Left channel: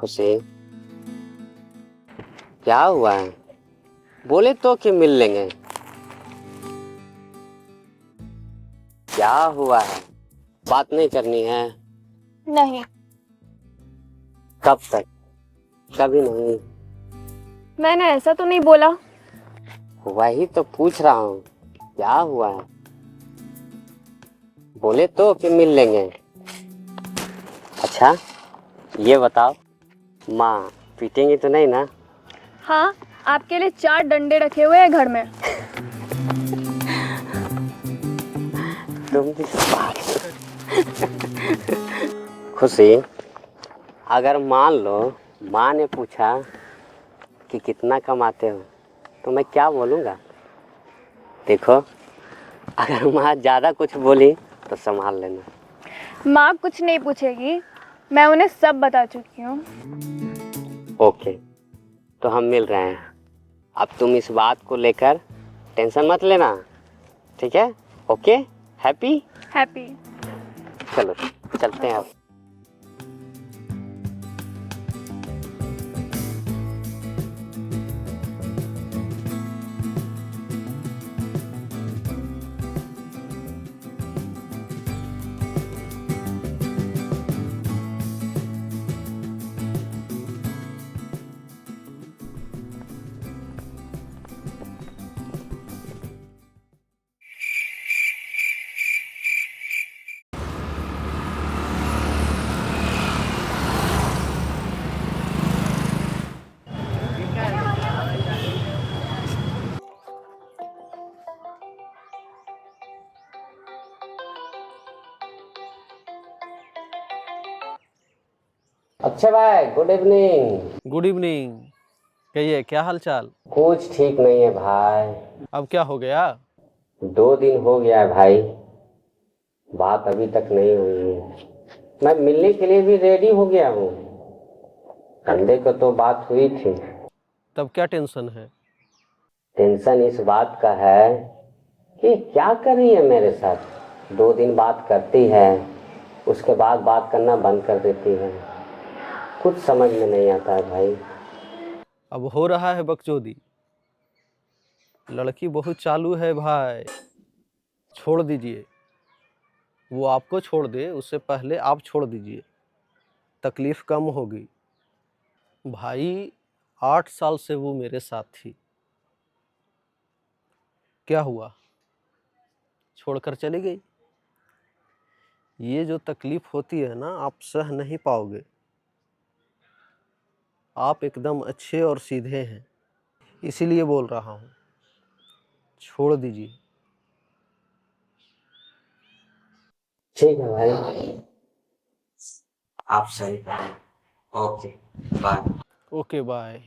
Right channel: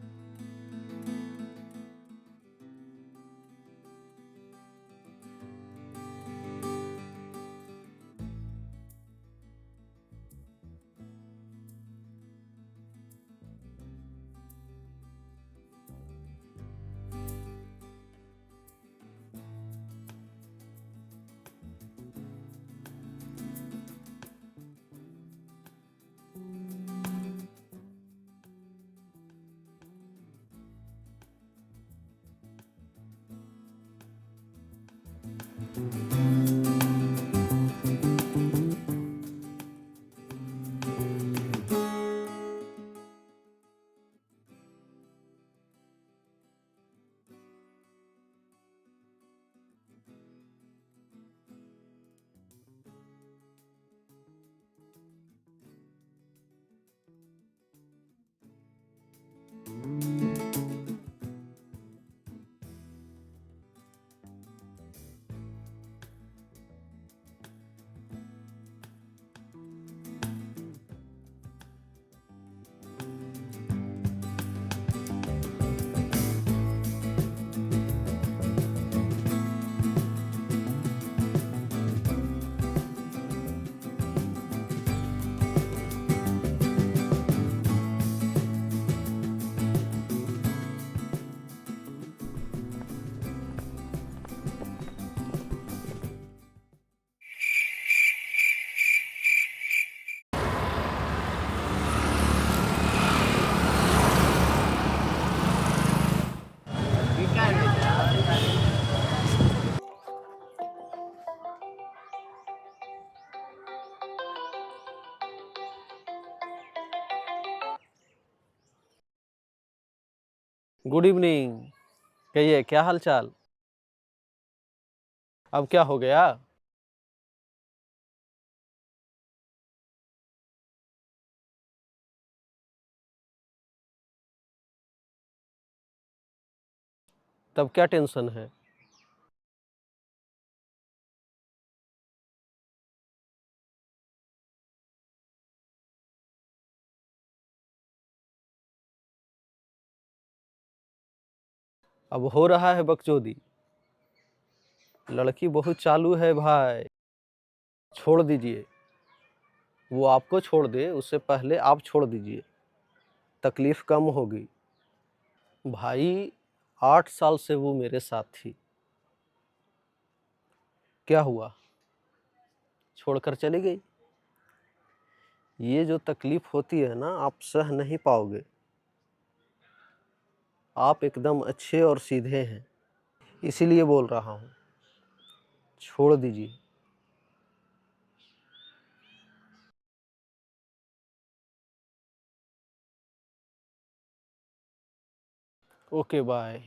खुशी, क्या हुआ है? बोले तो कि मिल लेंगे। क्या हुआ है? बात नहीं करनी है? नहीं। कब तक? कभी नहीं। मैंने ऐसा तो नहीं बोला। वही तो पूछ रहा हूँ, क्या हुआ है? बोले तो कि मिल लेंगे। अच्छा ये बताओ, माँ पीटेंगी तो नहीं ना? हाँ, आपके लिए 4 डंडे रखे हुए हैं घर में। तुम भी बात खुशी, अगर मान लो माँ ने पूछा कि कितना कमाते हो तो मैं क्या बोलूँगा? देखो, अगर माँ ज़्यादा कुछ बोली तो संभाल लेना। माँ कुछ नहीं पूछेगी, मैं उन्हें सब बता चुकी हूँ। ओके, तो हम मिल रहे हैं। अब तुम इस बात को लेकर टेंशन मत लेना, ठीक है? Okay, happy? हैप्पी। चलो चलते हैं अब। अच्छा भाई, गुड इवनिंग। Good evening. कहिए, क्या हाल चाल? कुछ ठीक नहीं है भाई। अब क्या हो गया? 2 दिन हो गया है भाई, बात अभी तक नहीं हुई है। मैं मिलने के लिए भी रेडी हो गया हूँ। संडे को तो बात हुई थी। तब क्या टेंशन है? टेंशन इस बात का है कि क्या कर रही है मेरे साथ। 2 दिन बात करती है, उसके बाद बात करना बंद कर देती है। कुछ समझ में नहीं आता है भाई। अब हो रहा है बकचोदी। लड़की बहुत चालू है भाई, छोड़ दीजिए। वो आपको छोड़ दे उससे पहले आप छोड़ दीजिए, तकलीफ कम होगी। भाई 8 साल से वो मेरे साथ थी, क्या हुआ? छोड़कर चली गई। ये जो तकलीफ होती है ना, आप सह नहीं पाओगे। आप एकदम अच्छे और सीधे हैं, इसीलिए बोल रहा हूँ, छोड़ दीजिए। ठीक है भाई, आप सही करें। Okay bye. Okay bye.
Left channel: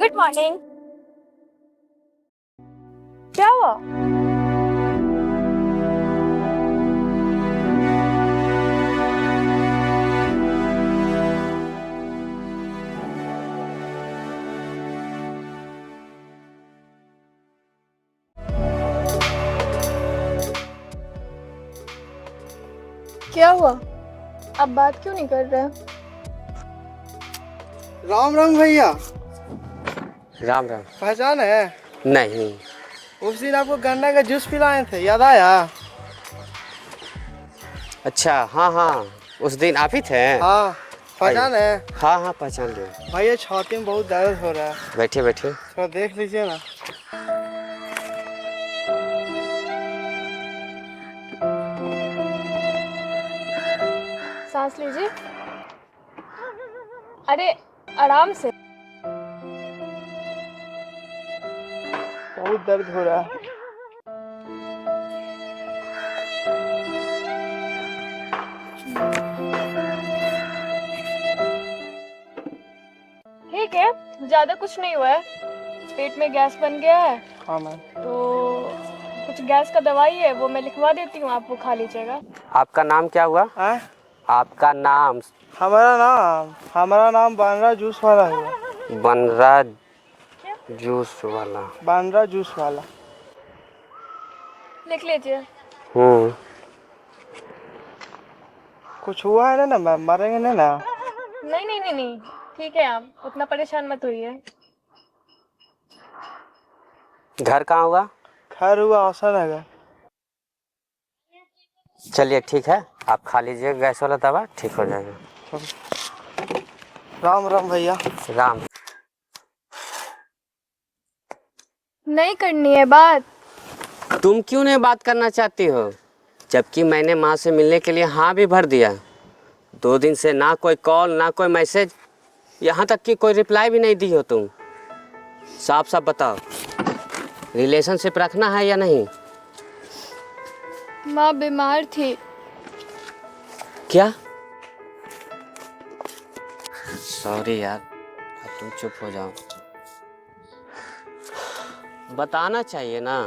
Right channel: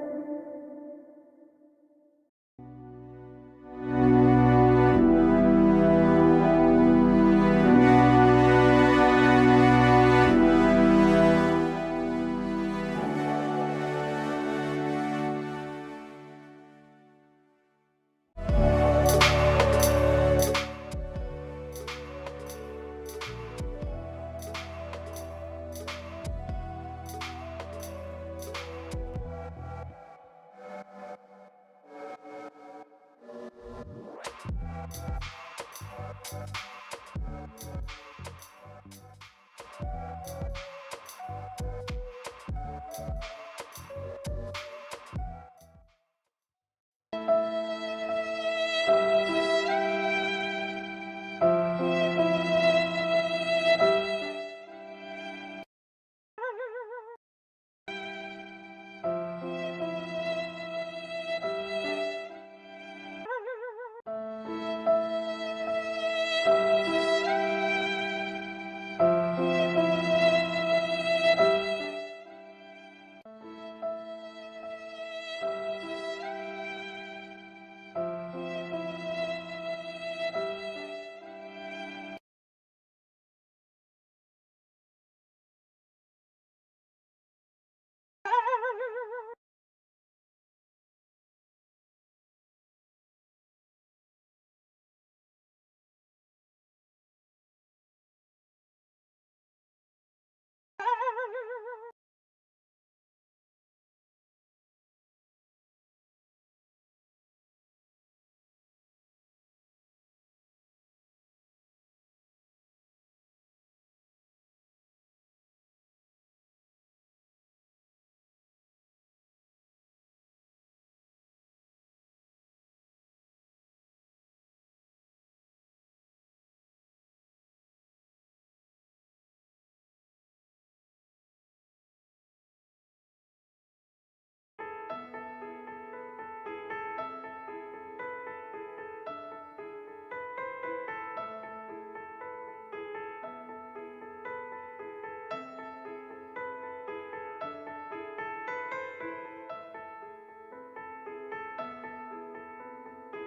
Good morning. क्या हुआ? क्या हुआ? अब बात क्यों नहीं कर रहे? राम राम भैया। राम राम। पहचान है? नहीं। उस दिन आपको गन्ना का जूस पिलाए थे, याद आया? अच्छा हाँ हाँ, उस दिन आप ही थे? हाँ, पहचान है? हाँ हाँ पहचान लिया। भैया छाती में बहुत दर्द हो रहा है, बैठिए बैठिए। थोड़ा देख लीजिए ना। सांस लीजिए। अरे आराम से। बहुत दर्द हो रहा है। ठीक है, ज्यादा कुछ नहीं हुआ है। पेट में गैस बन गया है हाँ मैम। तो कुछ गैस का दवाई है, वो मैं लिखवा देती हूँ, आप वो खा लीजिएगा। आपका नाम क्या हुआ? हैं? आपका नाम? हमारा नाम बांद्रा जूस वाला है। बनरा जूस वाला। बांद्रा जूस वाला। लिख लीजिए। कुछ हुआ है ना मैम? मरेंगे नहीं ना? नहीं नहीं नहीं नहीं, ठीक है, आप उतना परेशान मत होइए। घर कहाँ हुआ? खैर हुआ अवसर है। चलिए ठीक है, आप खा लीजिए गैस वाला दवा, ठीक हो जाएगा। राम राम भैया। राम। नहीं करनी है बात। तुम क्यों नहीं बात करना चाहती हो, जबकि मैंने माँ से मिलने के लिए हाँ भी भर दिया। 2 दिन से ना कोई कॉल ना कोई मैसेज, यहाँ तक कि कोई रिप्लाई भी नहीं दी हो तुम। साफ साफ बताओ, रिलेशनशिप रखना है या नहीं? माँ बीमार थी। क्या? सॉरी यार, अब तुम चुप हो जाओ। बताना चाहिए ना,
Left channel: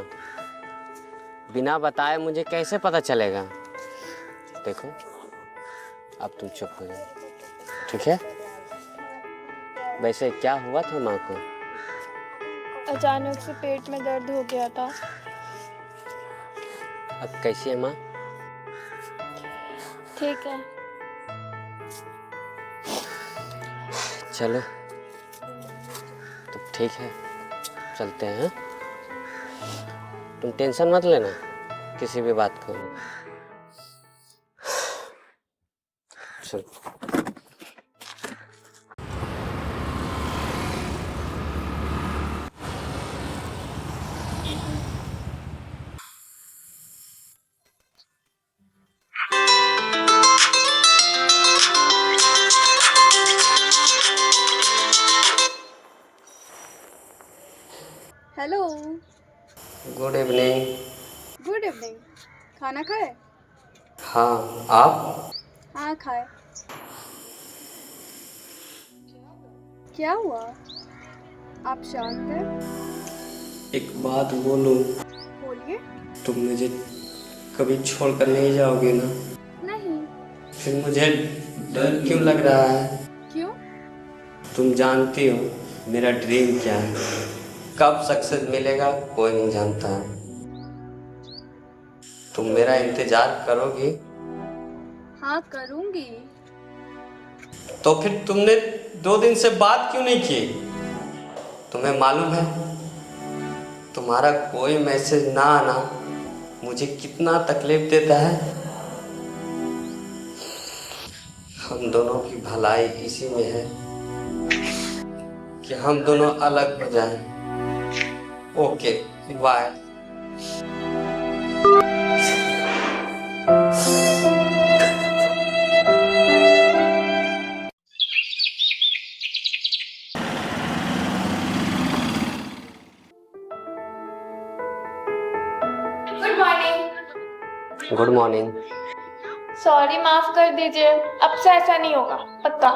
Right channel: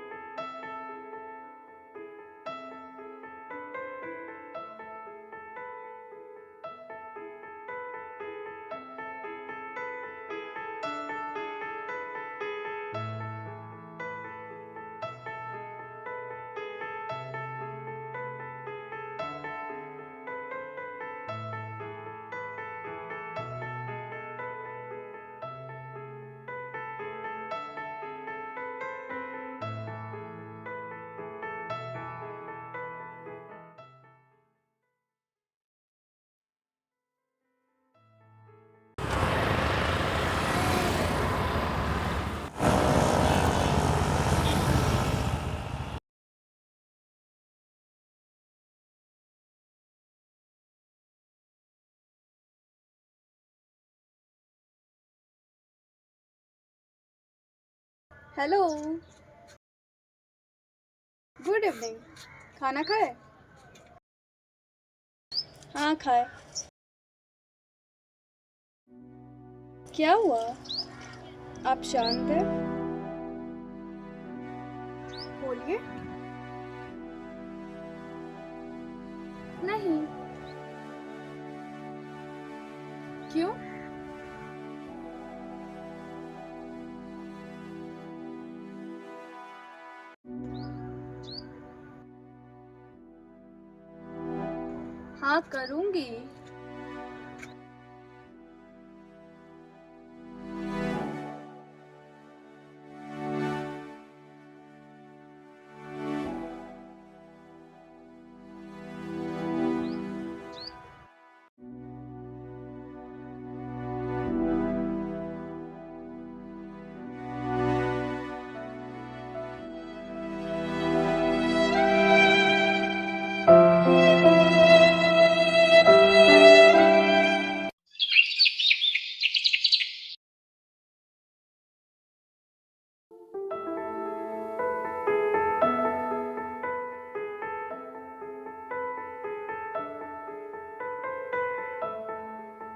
बिना बताए मुझे कैसे पता चलेगा? देखो, अब तुम चुप हो जाओ, ठीक है? वैसे क्या हुआ था माँ को? अचानक से पेट में दर्द हो गया था। अब कैसी है माँ? ठीक है। चलो तो ठीक है, चलते हैं। तुम टेंशन मत लेना किसी भी बात को। चलो। Hello. Good evening. Good evening. खाना खाए? हाँ, आप? हाँ खाए। क्या हुआ, आप शांत हैं? एक बात बोलूं? बोलिए। तुम मुझे कभी छोड़कर नहीं जाओगे ना? नहीं। फिर मुझे डर क्यों लग रहा है? क्यों? तुम जानती हो मेरा ड्रीम क्या है, कब सक्सेस मिलेगा कोई नहीं जानता। तुम मेरा इंतजार करोगी? हाँ करूँगी। तो फिर तुमने 2 दिन से बात क्यों नहीं की? तुम्हें मालूम है तुम्हारा कोई मैसेज ना आना मुझे कितना तकलीफ देता है? हम दोनों की भलाई इसी में है कि हम दोनों अलग हो जाएं। Okay, bye. Good morning. Good morning. Sorry, माफ कर दीजिए, अब से ऐसा नहीं होगा, पक्का।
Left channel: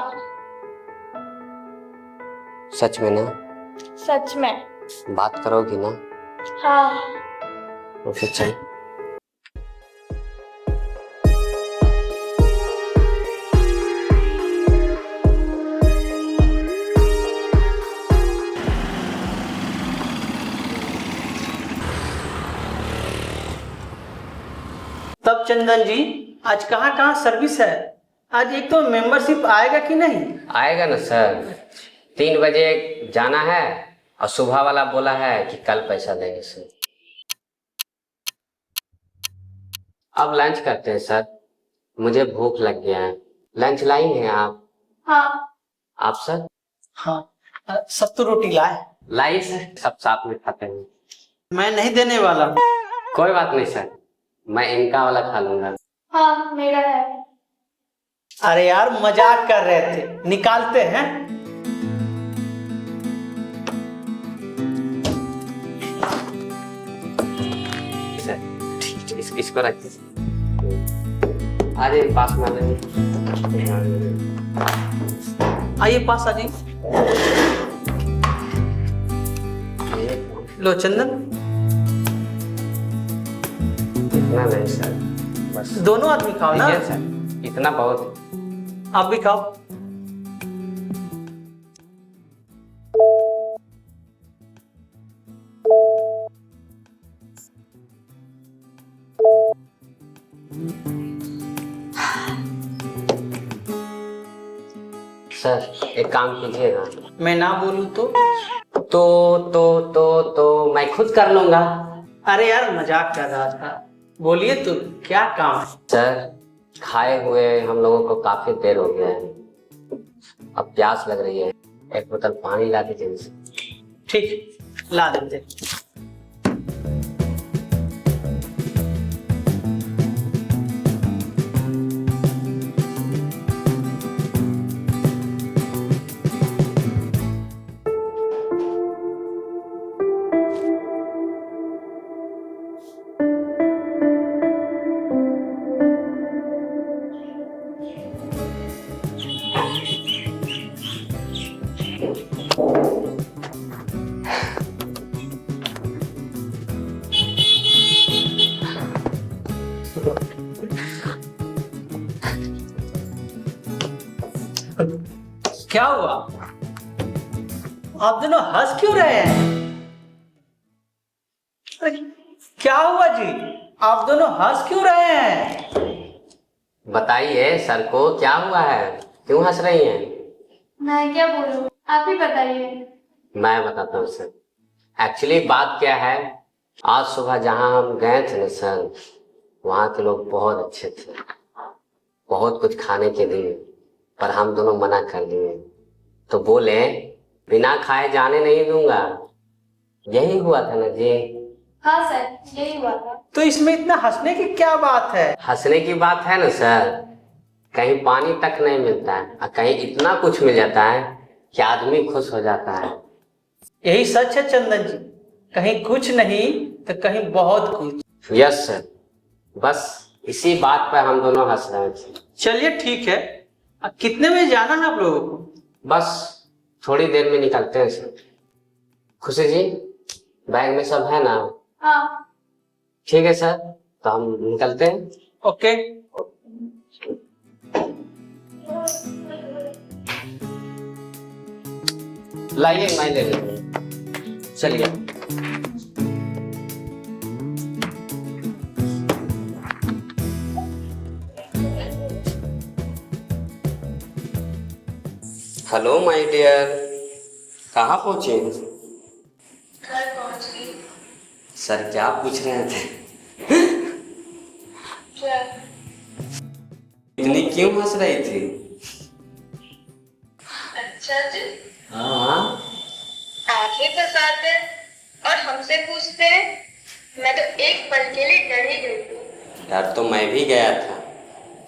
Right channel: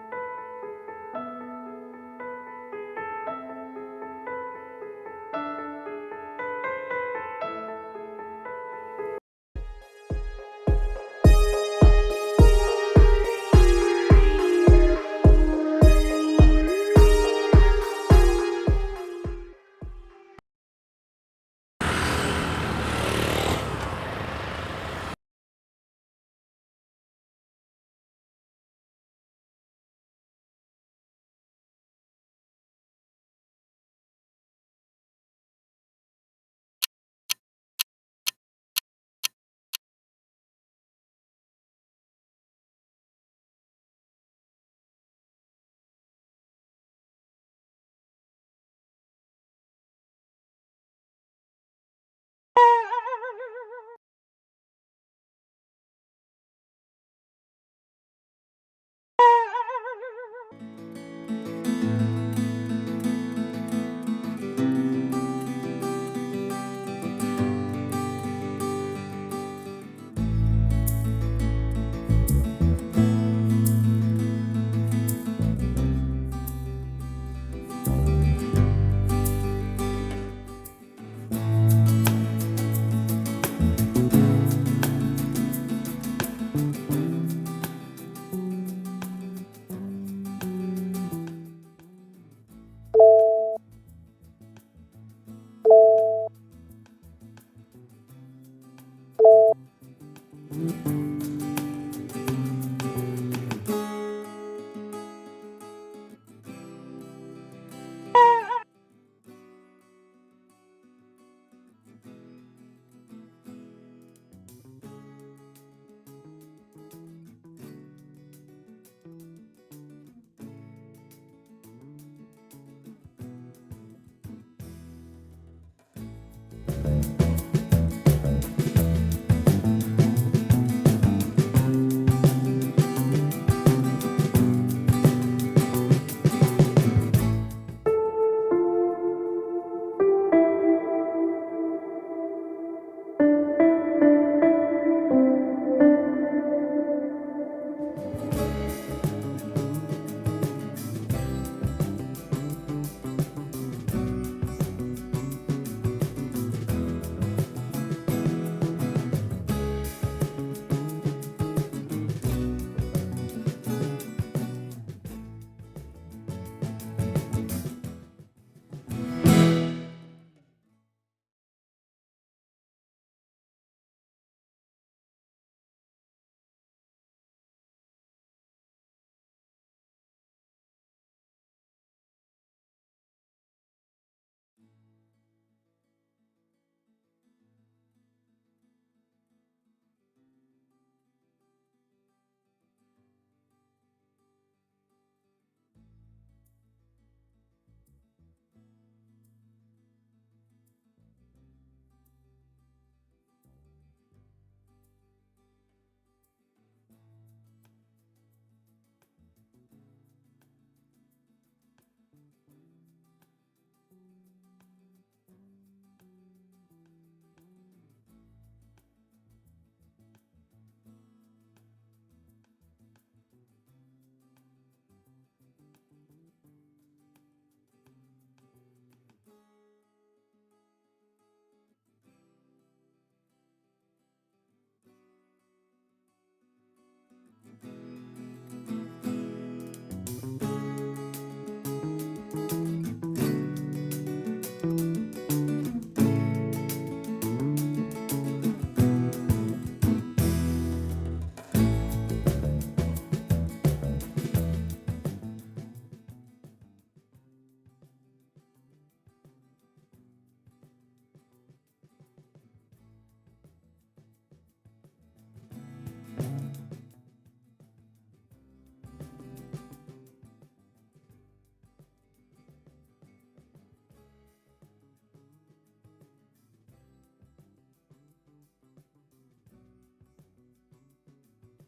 सच में ना? सच में। बात करोगी ना? हाँ। तो फिर चल। तब चंदन जी, आज कहाँ कहाँ सर्विस है? आज एक तो मेंबरशिप आएगा कि नहीं? आएगा ना सर, 3 बजे जाना है और सुबह वाला बोला है कि कल पैसा देंगे सर। अब लंच करते हैं सर, मुझे भूख लग गया है। लंच लाएंगे आप? हाँ। आप सर? हाँ, सत्तू रोटी लाए। लाइए सर, सब साथ में खाते हैं। मैं नहीं देने वाला हूँ। कोई बात नहीं सर, मैं इनका वाला खा लूंगा। हाँ मेरा है। अरे यार मजाक कर रहे थे, निकालते हैं। इसको रखते। अरे पास में आइए पास आ जाइए। लो चंदन। ना नहीं सर, बस दोनों आदमी खाओ ना। ठीक है सर, इतना बहुत। आप भी खाओ। सर एक काम कीजिएगा। मैं ना बोलूं तो? तो मैं खुद कर लूंगा। अरे यार मजाक कर रहा था। बोलिए तो क्या काम है? सर खाए हुए हम लोगों को काफी देर हो गया है, अब प्यास लग रही है, एक बोतल पानी ला दीजिए। ठीक ला देते। क्या हुआ? आप दोनों हंस क्यों रहे हैं? अरे क्या हुआ जी? आप दोनों हंस क्यों रहे हैं? बताइए सर को क्या हुआ है, क्यों हंस रही हैं? मैं क्या बोलूं, आप ही बताइए। मैं बताता हूँ सर। एक्चुअली बात क्या है, आज सुबह जहाँ हम गए थे ना सर, वहाँ के लोग बहुत अच्छे थे, बहुत कुछ खाने के लिए, पर हम दोनों मना कर दिए। तो बोले बिना खाए जाने नहीं दूंगा। यही हुआ था ना जी? हाँ सर, यही हुआ था। तो इसमें इतना हंसने की क्या बात है? हंसने की बात है ना सर, कहीं पानी तक नहीं मिलता है और कहीं इतना कुछ मिल जाता है कि आदमी खुश हो जाता है। यही सच है चंदन जी, कहीं कुछ नहीं तो कहीं बहुत कुछ। यस सर, बस इसी बात पर हम दोनों हंस रहे थे। चलिए ठीक है। अब कितने बजे जाना है आप लोगों को? बस थोड़ी देर में निकलते हैं सर। खुशी जी बैग में सब है ना? हाँ। ठीक है सर, तो हम निकलते हैं। ओके। लाइए मैं ले लेंगे, चलिए। हेलो माय डियर, कहाँ पहुँचे? घर पहुंच गई। सर क्या पूछ रहे थे? क्या? इतनी क्यों हंस रही थी? अच्छा जी, हाँ आप ही फंसाते और हमसे पूछते हैं। मैं तो एक पल के लिए डर ही गई थी। डर तो मैं भी गया था,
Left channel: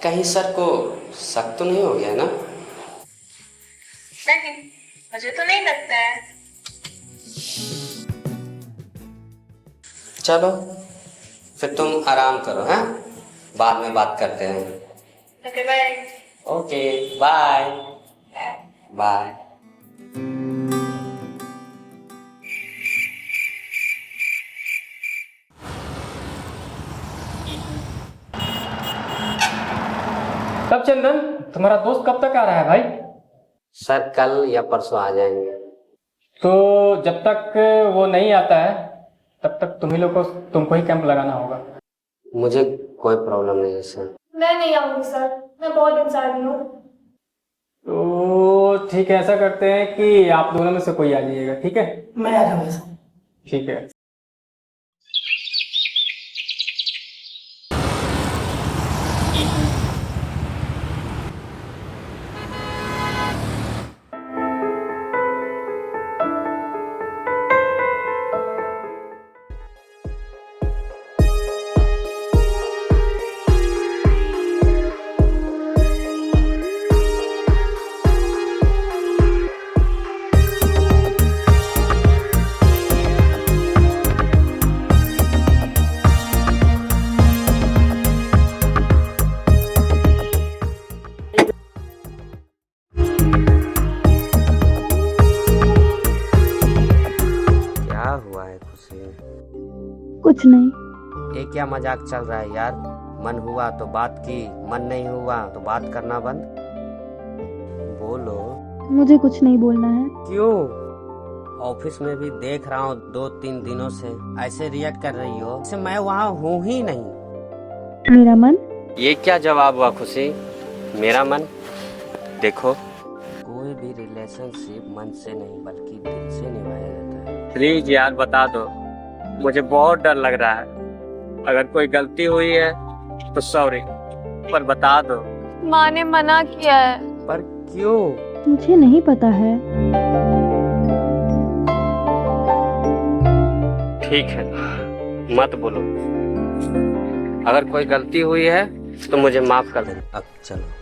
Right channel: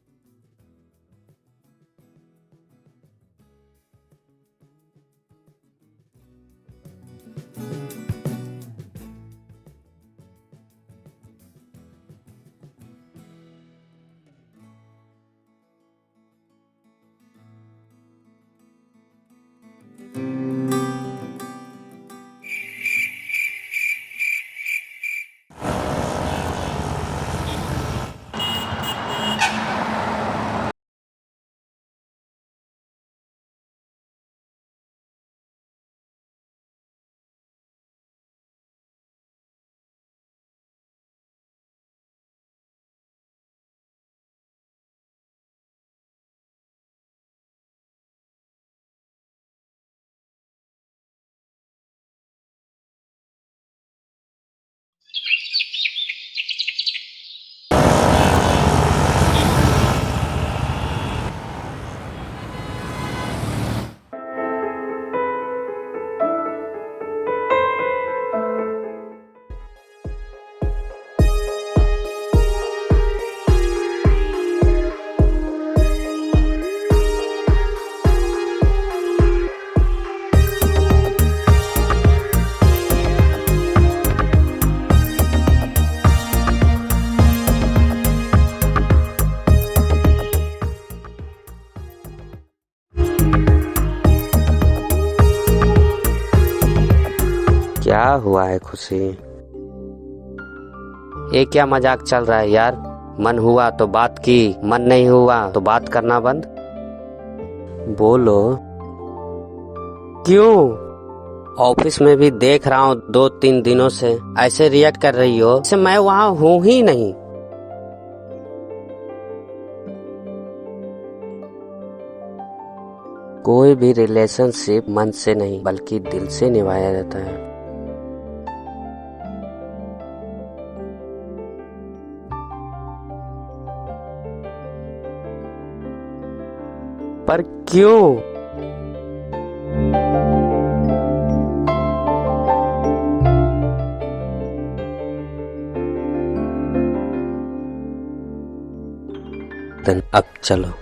कहीं सर को शक तो नहीं हो गया ना? नहीं, मुझे तो नहीं लगता है। चलो फिर तुम आराम करो, हैं? बाद में बात करते हैं। Okay bye. Okay bye bye. तब चंदन, तुम्हारा दोस्त कब तक आ रहा है भाई? सर कल या परसों आ जाएंगे। तो जब तक वो नहीं आता है तब तक तुमको ही कैंप लगाना होगा। मुझे कोई प्रॉब्लम नहीं है सर। मैं नहीं आऊंगी सर, मैं बहुत इंसानी हूँ। तो ठीक है, ऐसा करते हैं कि आप दोनों में से कोई आ जाइएगा, ठीक है? मैं आ जाऊंगा। ठीक है। है खुशी? कुछ नहीं। ये क्या मजाक चल रहा है यार? मन हुआ तो बात की, मन नहीं हुआ तो बात करना बंद। बोलो। मुझे कुछ नहीं बोलना है। क्यों? ऑफिस में भी देख रहा हूँ 2-3 दिनों से ऐसे रिएक्ट कर रही हो जैसे मैं वहाँ हूँ ही नहीं। मेरा मन। ये क्या जवाब हुआ खुशी? मेरा मन? देखो, कोई भी रिलेशनशिप मन से नहीं बल्कि दिल से निभाया जाता है। प्लीज यार बता दो, मुझे बहुत डर लग रहा है। अगर कोई गलती हुई है तो सॉरी, पर बता दो। माँ ने मना किया है। पर क्यों? मुझे नहीं पता है। ठीक है, मत बोलो। अगर कोई गलती हुई है तो मुझे माफ कर दो। अब चलो।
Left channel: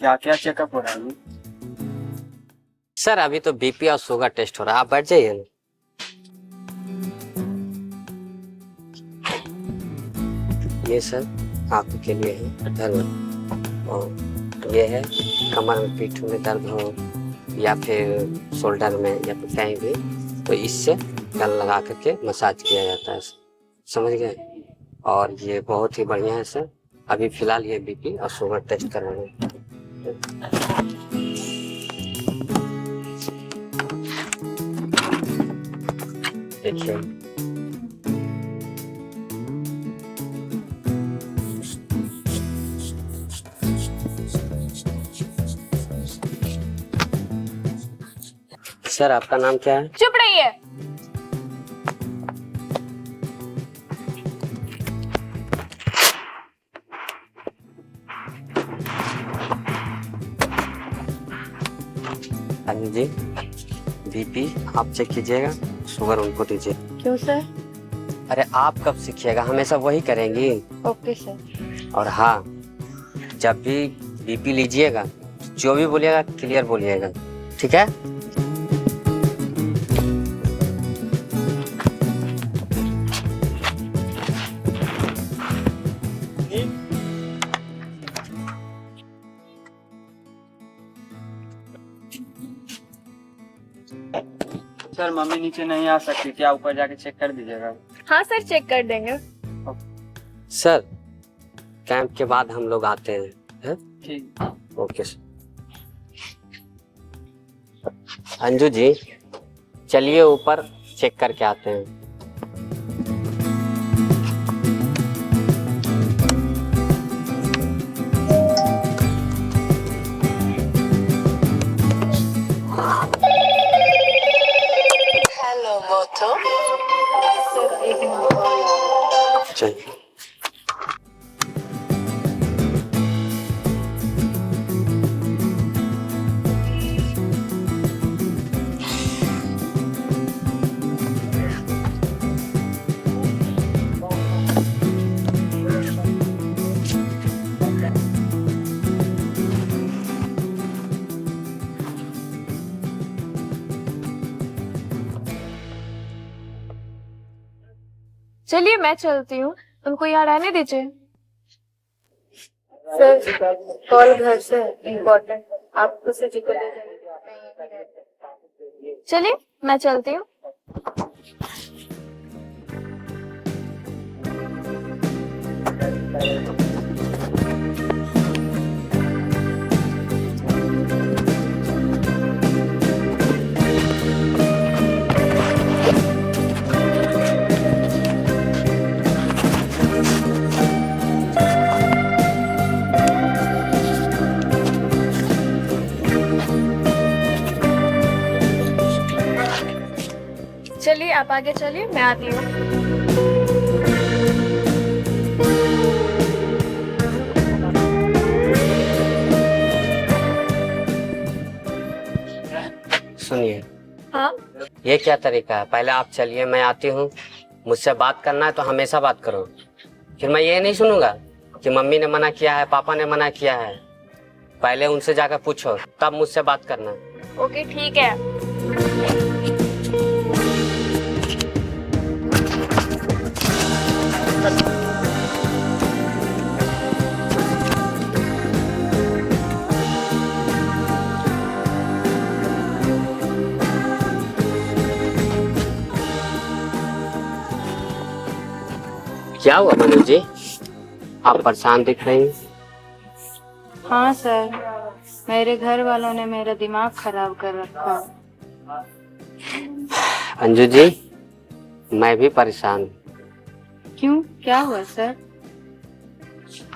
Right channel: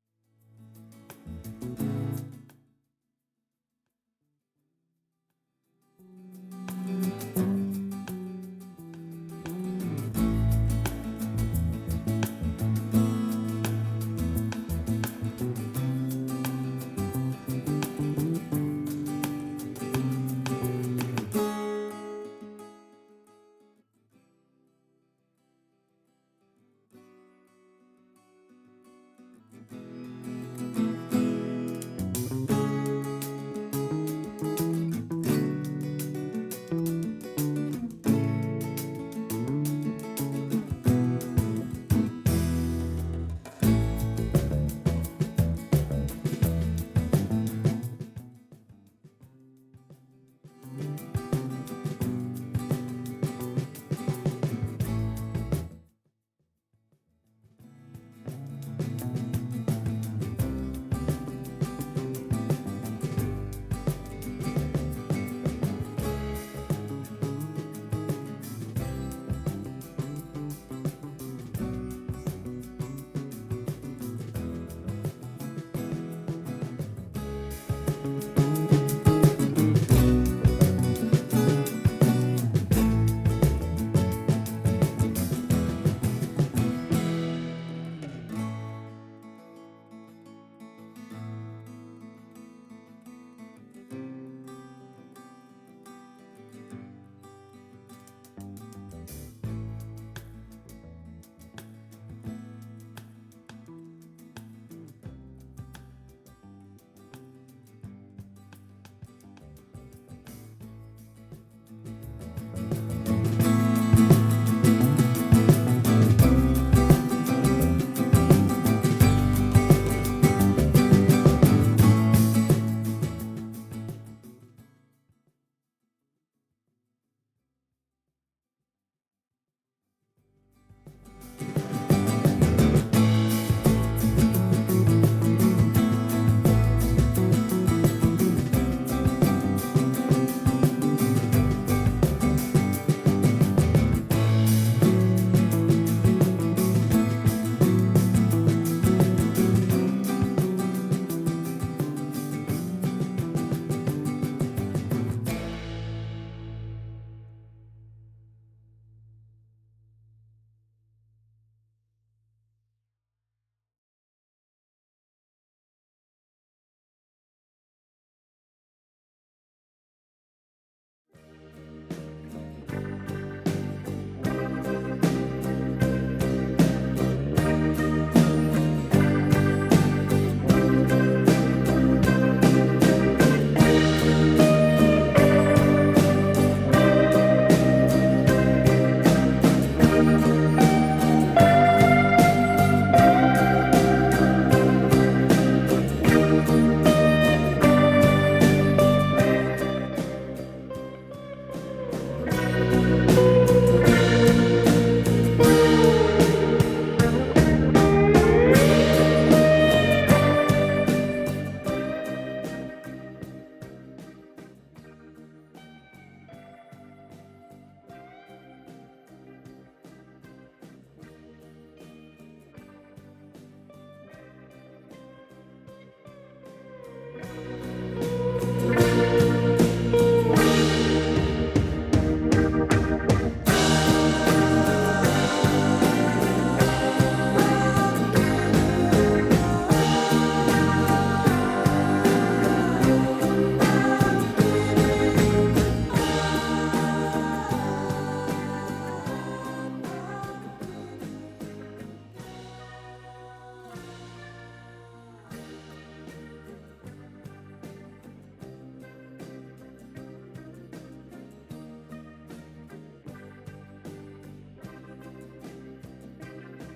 क्या क्या चेकअप हो रहा है? सर अभी तो बीपी और शुगर टेस्ट हो रहा है, आप बैठ जाइए ना। ये सर आपके लिए है दर्द, और ये है कमर में पीठ में दर्द हो या फिर शोल्डर में या फिर कहीं भी, तो इससे गल लगा करके मसाज किया जाता है, समझ गए? और ये बहुत ही बढ़िया है सर। अभी फिलहाल ये बीपी और शुगर टेस्ट करवाना। देखिए, सर आपका नाम क्या है? चुप रहिए। अनिल जी, बीपी आप चेक कीजिएगा, शुगर उनको दीजिए। क्यों सर? अरे आप कब सीखिएगा, हमेशा वही करेंगी। Okay sir. और हाँ, जब भी बीपी लीजिएगा जो भी बोलिएगा क्लियर बोलिएगा, ठीक है? सर मम्मी नीचे नहीं आ सकती, क्या ऊपर जाके चेक कर दीजिएगा? हाँ सर, चेक कर देंगे। सर कैंप के बाद हम लोग आते हैं। ठीक। Okay sir. अंजू जी चलिए ऊपर चेक करके आते हैं। हेलो मोटो। चलिए। चलिए मैं चलती हूँ, उनको यहाँ रहने दीजिए। सर कॉल घर से इम्पोर्टेंट, आप उसे जी को ले जाइए। चलिए मैं चलती हूँ। चलिए आप आगे चलिए, मैं आती हूँ। सुनिए, हाँ ये क्या तरीका है? पहले आप चलिए, मैं आती हूँ, मुझसे बात करना है तो हमेशा बात करो। फिर मैं ये नहीं सुनूंगा कि मम्मी ने मना किया है, पापा ने मना किया है। पहले उनसे जाकर पूछो, तब मुझसे बात करना। ओके ठीक है। क्या हुआ मनु जी, आप परेशान दिख रही हैं। हाँ सर, मेरे घर वालों ने मेरा दिमाग खराब कर रखा। अंजू जी, मैं भी परेशान हूँ। क्यों, क्या हुआ सर?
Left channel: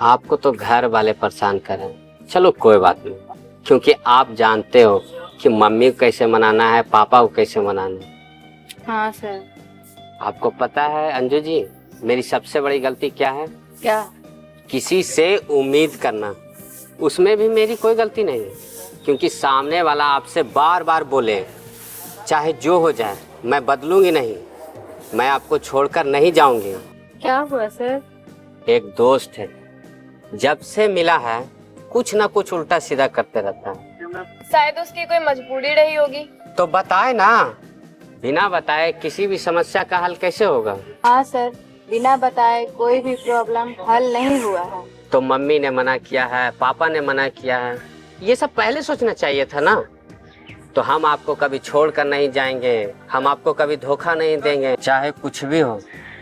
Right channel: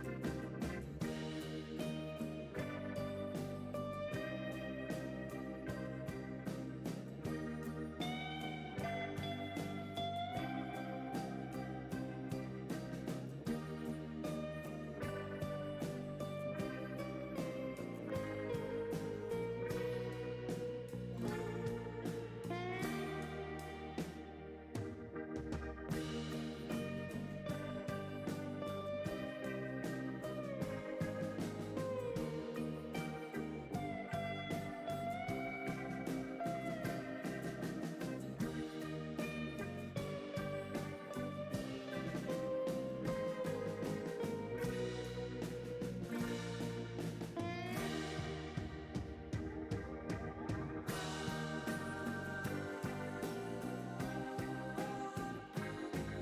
आपको तो घर वाले परेशान करें, चलो कोई बात नहीं, क्योंकि आप जानते हो कि मम्मी को कैसे मनाना है, पापा को कैसे मनाना है। हाँ सर। आपको पता है अंजू जी, मेरी सबसे बड़ी गलती क्या है? क्या? किसी से उम्मीद करना। उसमें भी मेरी कोई गलती नहीं है, क्योंकि सामने वाला आपसे बार बार बोले चाहे जो हो जाए मैं बदलूंगी नहीं, मैं आपको छोड़कर नहीं जाऊंगी। क्या हुआ सर? एक दोस्त है, जब से मिला है कुछ ना कुछ उल्टा सीधा करते रहता है। शायद उसकी कोई मजबूरी रही होगी। तो बताए ना, बिना बताए किसी भी समस्या का हल कैसे होगा? हाँ सर, बिना बताए कोई भी प्रॉब्लम हल नहीं हुआ है। तो मम्मी ने मना किया है, पापा ने मना किया है, ये सब पहले सोचना चाहिए था ना। तो हम आपको कभी छोड़ कर नहीं जाएंगे, हम आपको कभी धोखा नहीं देंगे। चाहे कुछ भी हो,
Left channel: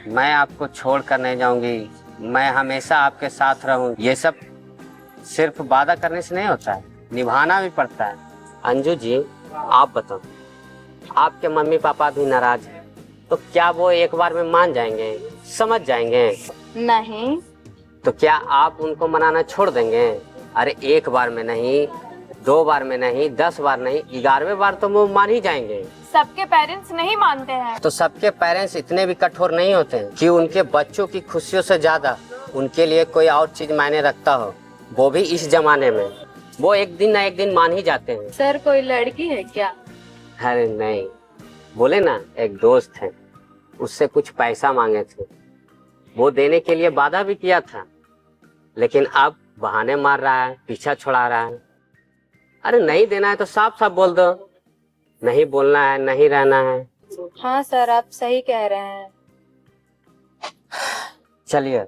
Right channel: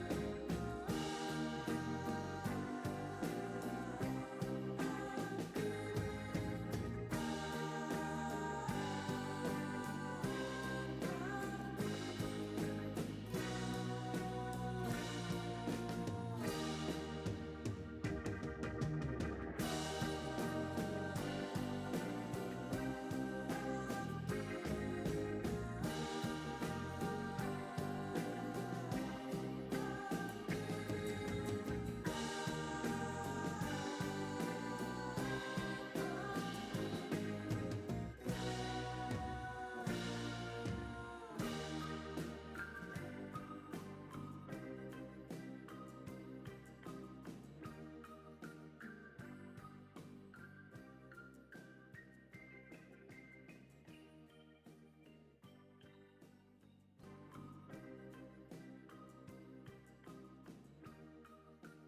मैं आपको छोड़ कर नहीं जाऊंगी, मैं हमेशा आपके साथ रहूँ। ये सब सिर्फ वादा करने से नहीं होता है, निभाना भी पड़ता है। अंजू जी, आप बताओ, आपके मम्मी पापा भी नाराज हैं, तो क्या वो एक बार में मान जाएंगे, समझ जाएंगे? नहीं। तो क्या आप उनको मनाना छोड़ देंगे? अरे एक बार में नहीं, 2 बार में नहीं, 10 बार नहीं, 11वें बार तो वो मान ही जाएंगे। सबके पेरेंट्स नहीं मानते हैं। तो सबके पेरेंट्स इतने भी कठोर नहीं होते हैं कि उनके बच्चों की खुशियों से ज्यादा उनके लिए कोई और चीज मायने रखता हो, वो भी इस जमाने में। वो एक दिन ना एक दिन मान ही जाते हैं। सर, कोई लड़की है क्या? अरे नहीं, बोले ना एक दोस्त है, उससे कुछ पैसा मांगे थे, वो देने के लिए वादा भी किया था, लेकिन अब बहाने मार रहा है, पीछा छुड़ा रहा है। अरे नहीं देना है तो साफ साफ बोल दो, नहीं बोलना है, नहीं रहना है। हाँ सर, आप सही कह रहे हैं। चलिए